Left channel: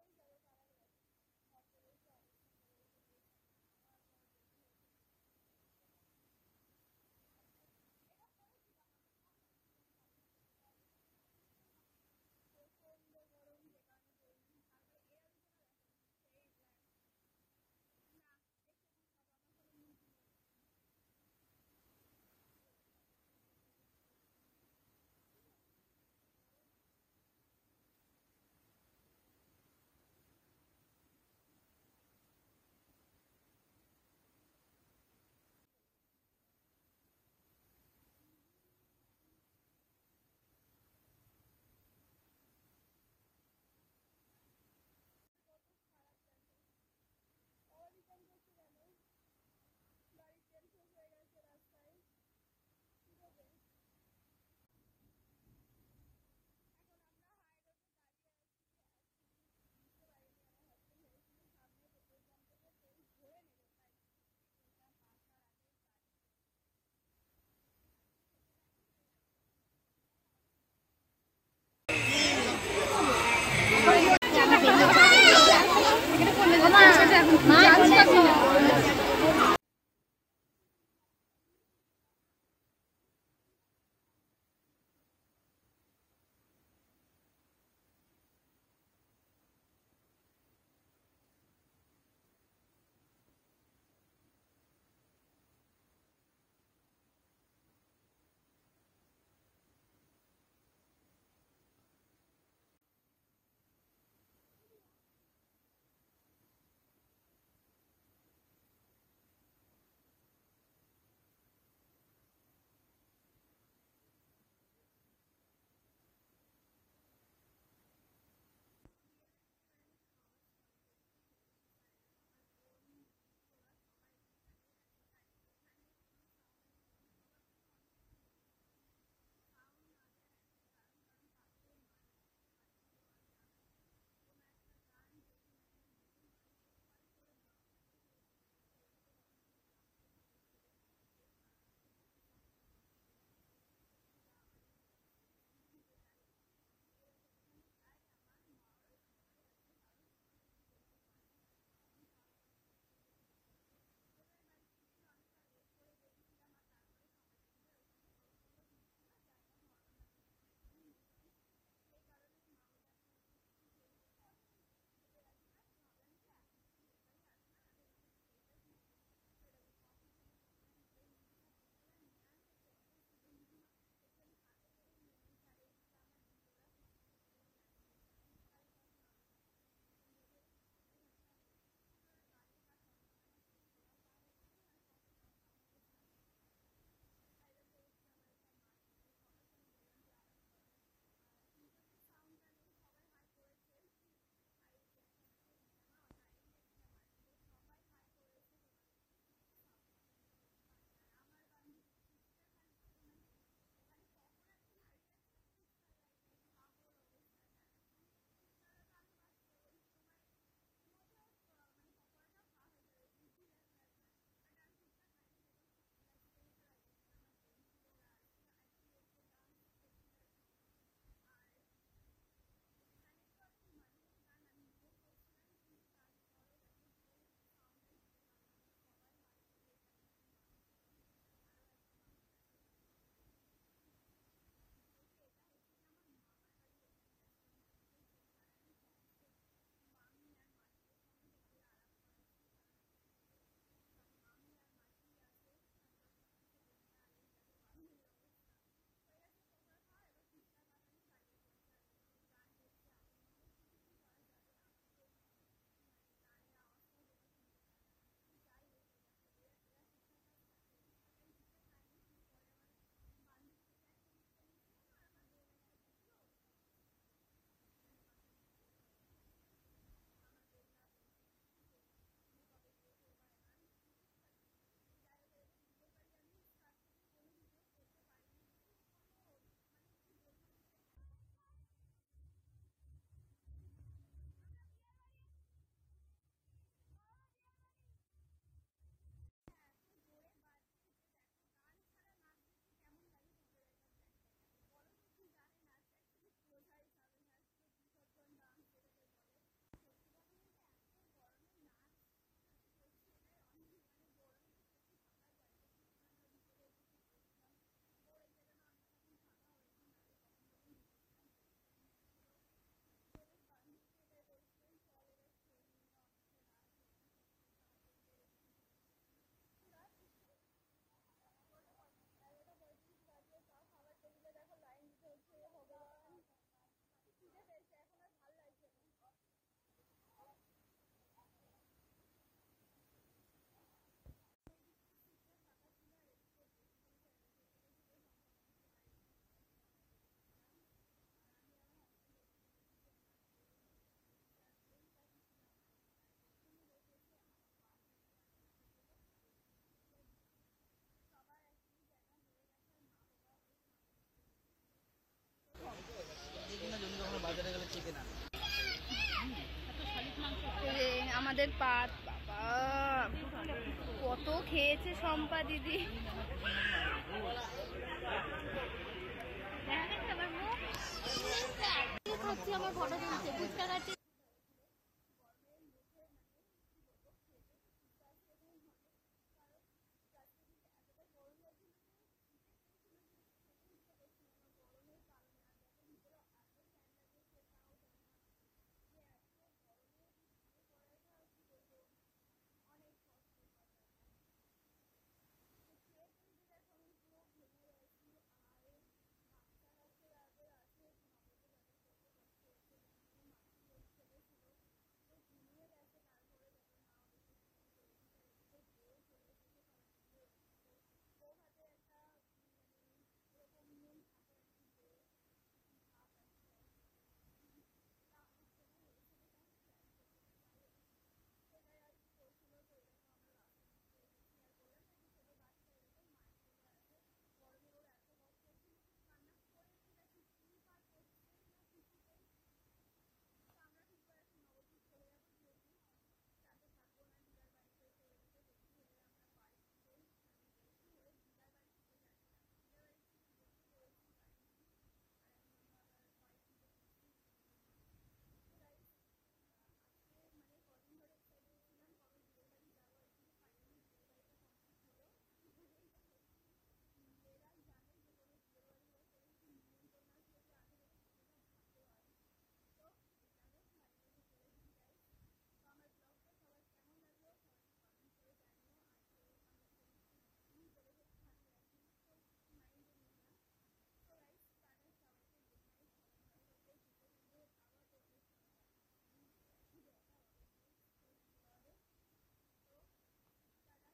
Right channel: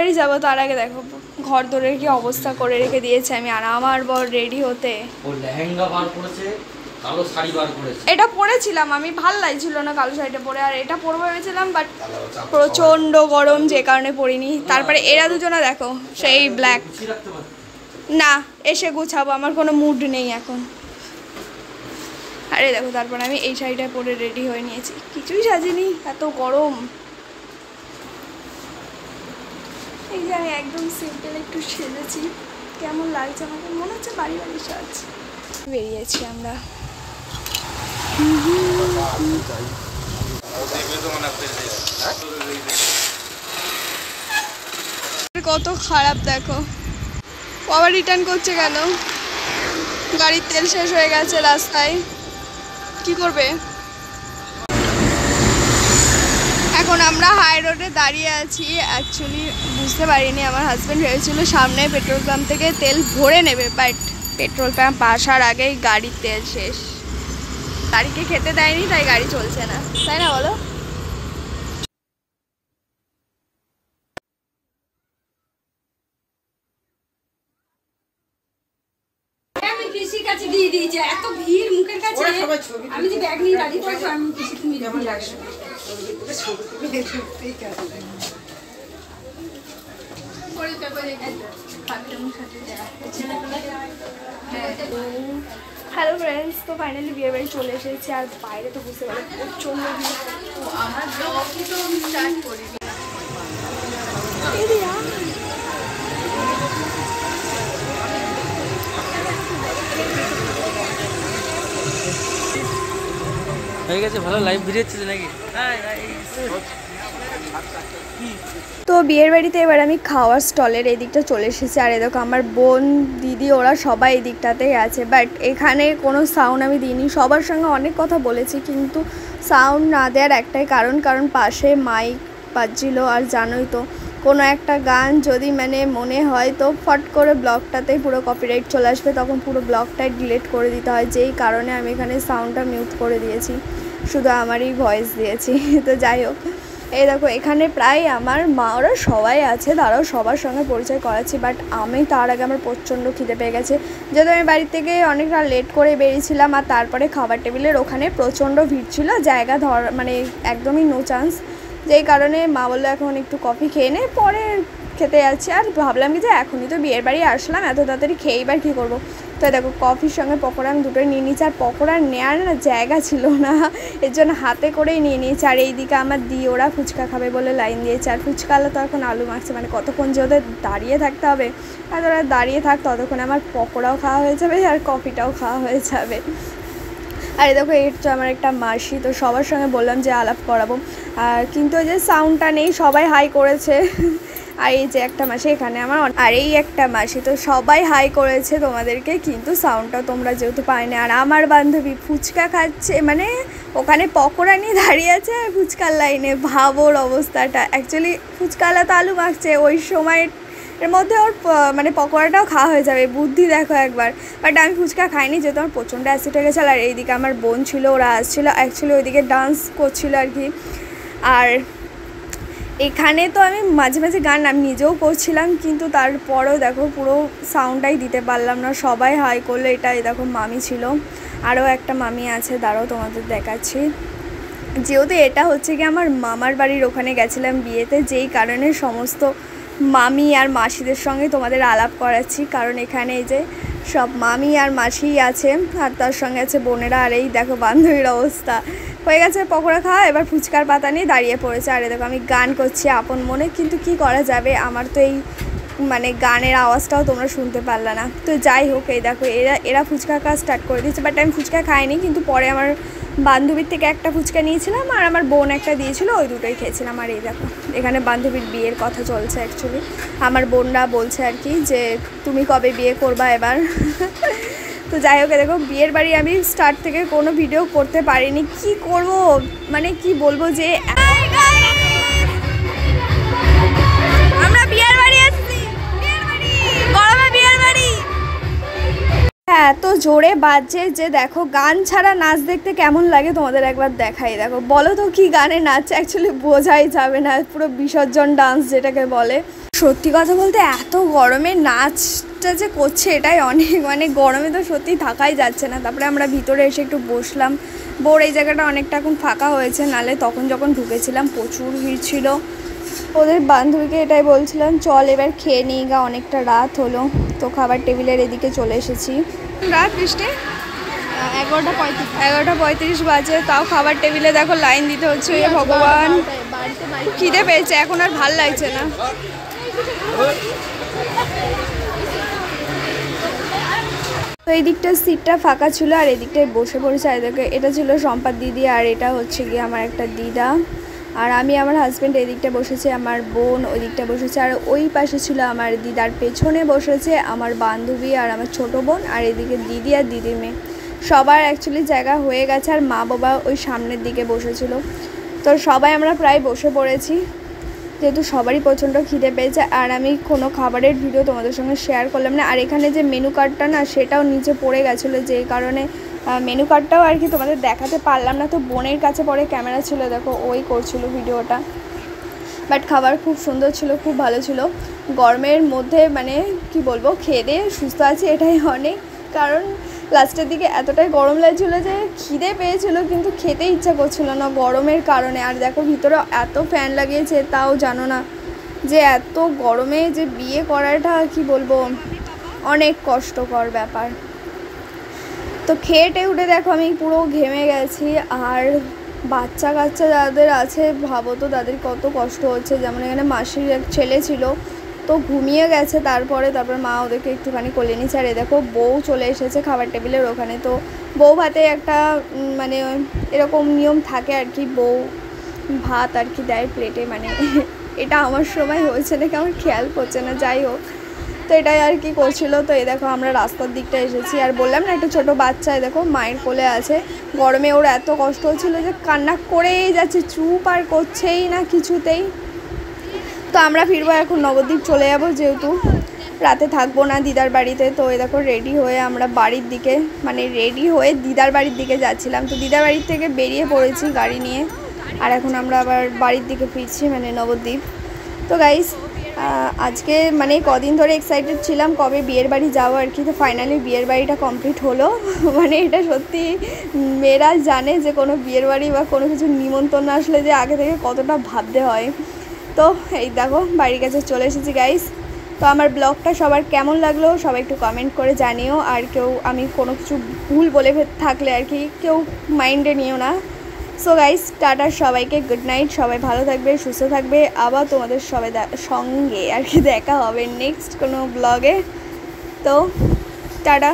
বাড়ি যাবো তার আগে দেখো ঘর দোরের কি অবস্থা করে রেখে দিয়েছে আমি আর আমার বর রেডি হতে। ও লেহেঙ্গা বার করেছে, কালো শাড়ি বার করেছে। এটা পরেছিলাম আমি, ভাল লাগছিল না কালো শাড়িটা পরে, আর এটা পরবো ভেবেছিলাম বাট প্রচন্ড গরম যে কারণে পরিনি। তারপরে এরা দুজনে দেখো সেই ব্ল্যাক। না এসে গুছাবো, আমার কোনো মুড নেই এখন। আরে দেখো তারপরে আমি এই শাড়িটা পরে রেডি হয়ে নিয়েছি, কিছুই সাজিনি, এত গরম। এই যে আমি একদম সিম্পল একটু সেজেছি, কেমন লাগছে আমাকে, মনে হচ্ছে বাড়ি বাড়ি সাজ। বেরিয়েছি আমরা। কত খারাপ দেখো, আবার রিটার্ন করছে কেন? গাড়ির তেল শেষ হয়ে গেছে রাস্তায়, কি করবে? এখন আমরা হাই রোডে দাঁড়িয়ে আছি। অ্যাকচুয়ালি বুঝতে পারিনি, আমার হাজব্যান্ড ভেবেছিল সামনে পেট্রোল পাম্প থেকে তেল ভরে নেবে, বাট পেট্রোল পাম্প আসার আগেই গাড়ির তেল শেষ। গাড়িকে খেতে দেয়নি তাই গাড়ি চলছে না, তাই না বলো? দিয়ে দিয়েছে এত ভিড় মুখের কাছে, আমি যে ব্যাগ নিয়ে দাঁড়িয়ে পড়েছি, আমি কিছু তুমি কেমন লাগছে হ্যালো ফ্রেন্ডস, তো ফাইনালি বিয়ে বাড়ি চলে এসেছি। আর বাইরে তো বুঝতে পারো প্রচন্ড ভিড়। আমার ব্লগই তো আমি স্টার্ট করিনি। হয়ে গেছে, ভালো লাইভ ভিডিও হচ্ছে নাকি? তো বিয়ের বাড়িতে এবার আমি খাওয়ার স্টলের এই দিকটা চলে এসেছি। আর দেখো আমার বোন দিদি ওরা সবাই এই দিকটাতেই আছে, বাট এখানে কোনো সাউন্ড আমি দিইনি। সবার সঙ্গে অনেক কথা বলেছি কিন্তু সাউন্ড না দেওয়ার একটাই কারণ পাশে মাইক বাজছিল। আর জানোই তো কোনো একটা গান যদি মানে মনে হয় তো ফট করে ব্লগটাতেই পুরো কপিরাইট চলে আসবে, তখন পুরো ব্লগটাই ডিলিট করে দিতে হয়। যেই কারণে আমি এখানে সাউন্ডটা মিউট করে দিয়েছি, শুধু আমারই ভয়েস দিয়েছি। তো যাই হোক, এই দেখো এখানে প্রায় আমার মা ওরা সবাই আছে, তারাও সবার সঙ্গে পরিচয় করাচ্ছি। বাট আমি তার আগে আমার প্রচণ্ড খিদে পেয়ে গেছে, যেহেতু আমি বাড়ি থেকে অনেকটা লেট করে বেরিয়েছিলাম। আর তারপরে খাবার টেবিলের ওখানে প্রচণ্ড ভিড় ছিল, জায়গা মানে একদমই নো চান্স। যেই কারণে মা বললো এখন একটু কফি খেয়ে নে, পরে খেতে যাচ্ছি। আর ভাবলাম কি যে এখনই তো বিয়ের বাড়ি আসলাম, এত তাড়াতাড়ি খেয়ে এবার কী করবো। তো দেখো কফির সঙ্গে পকোড়া আমি দুটোই নিয়ে নিয়েছি। আর পকোড়া নেওয়ার না জায়গা ছিল না, এর জন্য হাতে করেই নিয়ে নিয়েছি। আর এইদিকে আমার দিয়ে ওরা ফুচকা খাবে বলে লাইন দিয়েছে। আর ফুচকালা তো এখন আলু মাখছে, মানে কতক্ষণ যে ওদের দাঁড়িয়ে থাকতে হবে। আর ওরা দাঁড়িয়ে থাক ততক্ষণ আমার পকোড়াও খাওয়া হয়ে যাবে আর কফিটাও খাওয়া হয়ে যাবে। আর দেখো এই তো আমার একটা মাসি, তো সবার সঙ্গে বললাম যে আলাপ করাবো, আর কিন্তু ওই যে সাউন্ডটা নেই, সবাই হাই করেছে। আর এই যে একটা মাসি এখানে আমার, আর এই একটা মাসি, তো সবাই হাই করেছে তোমাদেরকে, কিন্তু সাউন্ডটা তোমরা যেহেতু পাইনি। আর আমার বান্ধবী ফুচকা খাচ্ছে, মানে ওখানে পকোড়া নিয়ে দাঁড়িয়ে আছে আর ফুচকার লাইনে, ভাবোর অবস্থাটা। অ্যাকচুয়ালি ফুচকালা তো আলু মাখছে, ওই সময় এর মধ্যে ওর মানে পকোড়াটাও খাওয়া হয়ে যাবে, বুদ্ধি দেখো একবার। বাট আমি ফুচকা খাইনি, যেহেতু আমার প্রচণ্ড অ্যাসিড হয়ে গেছিলো। আর এইদিকে আমার বোন ছিল, ওরা আসছিলো, অ্যাকচুয়ালি ওইদিকে ডান্স করছিলো আর কি। আর এখানে তো আমি মাঝে মাঝে গান আমি নিজেও করছিলাম, কিন্তু তারপরেও দেখো পুরো সাউন্ডটাই দিতে পারলাম না, সবাই হাই করলো। এটাই দেখো মামি ছিল, আরও একটা মামি আছে, দাঁড়াও তোমাদের দেখাচ্ছি। যেহেতু এটা হচ্ছে কি আমার মামার বাড়ির ওখানে গেছিলাম বিয়েতে, যেই কারণে সমস্ত মামি আর মাসিদের সঙ্গে তোমাদের আলাপ করাচ্ছি, কারণ এখানে এই যে সব মামি আর মাসিই আছে, আর তার সঙ্গে আছে বোনেরা। আর এই দেখো বান্ধবীর অবস্থা, হয়ে গেছে পকোড়া খাওয়া, এবার ফুচকার পাতা নিয়ে দাঁড়িয়ে পড়েছে। আর দেখো আমি গান করছি আপন মনে, কিন্তু কি করা যাবে, আমার তো এই মানে গানের আওয়াজটাও তোমরা শুনতে পারলে না। তো যাই হোক, এই দেখো এরা ফুচকা খাওয়া স্টার্ট করে দিয়েছে, বাট আমি ফুচকা খাইনি। কিন্তু পরে আমার বান্ধবীর থেকে একটা ফুচকা নিয়েছিলাম, আর আমার বোন একটা দিয়েছিল, ওই দুটোই খেয়েছিলাম। আর এই দেখো এখানে বান্ধবীর বিয়ের কথা চলছে। অ্যাকচুয়ালি আমার বোনরা বলছে আর কি যে তুমি কবে বিয়ে করবা এবার। তো যাই হোক, দেখো বিয়ের বাড়ি আমি স্টার্ট থেকে কোনো ভিডিও করতে পারিনি, কি করব মানে কি বলবো যে আমরা বিয়ের বাড়ি আসছি, গরমে বিয়ের বাড়ি। হ্যাঁ এত জোরে বাজছে যে দেখো, গান ছাড়া নাচ দেখতে কেমন লাগে তোমাদের একবার দেখাই। দেখো, বলো তো কি গানে নাচছে, অ্যাকচুয়ালি বোঝাই যাবে না, পুরো বিসর্জন ডান্স যেটাকে বলে। সত্যি কথা বলতে এত গরমে নাচটা যে করছে এটাই অনেক, মানে গরমে তো সত্যি থাকাই যাচ্ছে না। তারপরে আমরা ভিতরে এসে একটু বসলাম। বোর এই জায়গাটা অনেকটা এখন ফাঁকা হয়েছে, নালে তখন যখন ঢুকেছিলাম প্রচুর ভিড় ছিল। ওদের বান্ধবীকে এটাই বলছিলাম, চল এবার খেয়ে নিই গা, অনেকটা রাত হলো। তো খাবার টেবিলের এদিকে চলে এসেছি। রাত বৃষ্টি 11:35 বাজে, তাও খাবার টেবিলে দেখো লাইন দিতে হচ্ছে। ভগবান, খিদে পেয়েছে, এখন আর ভাল লাগছে না। তো এই দিকটা সিটটা ফাঁকা ছিল আর এদিকটায় বসে পড়েছে। আর দেখো, এটা ছিল সম্পাদ দিদি আর এটা হচ্ছে গিয়ে আমার একটা দিদা। আর আমি আমার হাজব্যান্ড এই দিকটা বসেছে, আমার বোন ওই দিকটা বসেছে, আর ওই পাশে ছিল আমার দিদার পেছনে বসেছে আমার বান্ধবী আর আমার ছোট বোন, আর এদিকে দিদি আর দিদির মেয়ে। সবার অ্যাকচুয়ালি জায়গা হয়ে গেছে আর মা বাবা ওই সামনের দিকে বসেছিল। তো সবাই আমরা প্রায় বসে পড়েছি, যেহেতু সবারই প্রচণ্ড খিদে পেয়েছে। আর আমি কোনো খাবারের ভিডিও তোমাদের সঙ্গে শেয়ার করলাম না। আর এখানে যে মেনু কার্ডটা না, সেটাও নিচে পড়ে গেছিলো, যে কারণে মেনু কার্ডটাও আর কি তোমাদের দেখাতে পারলাম না। তো বোনের কাছে পরে ক্যামেরা ছিল, দেখো ওই করছিল ভিডিওটা। বাট খাবার খুব সুন্দর ছিল, খুব ভালো ছিল। গরমের মধ্যে মানে কি বলবো, খেয়ে দিয়ে সুস্থ আছি এটাই অনেক। কারণ লাস্টের দিকে এতটাই গরম লাগছিলো যে খিদে পেয়েছিল, কিন্তু খেতে ইচ্ছা করছিল না গরমের কারণে। আর দেখো ভিতরে এত ফ্যান লাগিয়েছে, তাও জানো না যে এত গরমে যে বিয়ে করাটা কি বলবো, অনেক কষ্টকর ব্যাপার। তো খেয়ে উঠে দেখো আমি পুরো ঘেমে গেছি। আর বাচ্চা কাচ্চা যাদের আছে ভাবো তো তাদের কত কষ্ট হচ্ছে। যেমন এখানে মাসির এক ছেলে ছিল, তো ঘুমিয়ে গেছে, তারপরে মা ওদেরকে একটুখানি কোলে নিচ্ছে। আর দেখো বউ চলে এসেছে খাবার টেবিলের ওখানে। তো বউ ভাতে একটা মানে এরকম নিয়ম থাকে আর কি, বউ ভাত আর কি দেয় প্লেটে, মানে এটা আমার সময় হয়েছে নাকি আমার খেয়াল করছে না, যাই হোক। তো এটাই আর কি করছিল। তো এই দেখো আমরা রাস্তার দিকটা এসেছি, আর বললাম না একটা ছোটো বাচ্চা দেখো মায়ের কোলে আছে। গরমে ওর এত কষ্ট হচ্ছিলো যে কান্না করেই যাচ্ছে, চুপ আর করছেই না কিছুতেই। তো আমরা ফিরবো এখন, নবদ্বীপ চলে যাবো, যেহেতু রাতে থাকবো না দিদার বাড়িতে। তো এই দেখো রেডি হয়ে আমরা বাড়ির দিকে, মানে রেডি হয়ে দিদার বাড়ির দিকে যাচ্ছিলাম। তো দিদার বাড়ির থেকে বেরিয়ে পড়েছি গাড়ি নিয়ে, আর এখন আমরা আবার বাড়ির দিকে ফিরছি, মানে নবদ্বীপ। তো গাইস, আজকে মানে কদিন ধরে এক্সাইটেড ছিলাম কবে বিয়ের বাড়ি যাবো আর কি। তো ফাইনালি বিয়ের বাড়িটা কমপ্লিট হলো। মানে এটা সত্যি মেয়েরা জানে যে কোনো বিয়ের বাড়ি বা কোনো কিছু নিমন্ত্রণ আসলে যে আগে থেকে কতটা ভাবতে হয়। তো এই দেখো বাড়ির কাছে চলে এসেছি গাইস। তো আমার ব্লগটা সবার কেমন লাগলো সবাই একটু কমেন্ট করে জানিও। আর কেউ আমি কোনো কিছু ভুল বলে থাকলে আর কি কেউ মাইন্ডে নিও না। সো গাইস, টাটা সবাইকে, গুড নাইট। সবাই ভালো থাকবে, সুস্থ থাকবে। আবার তোমাদের সবাই সঙ্গে আর কি দেখা হবে নেক্সট কোনো ব্লগে। তো টাটা।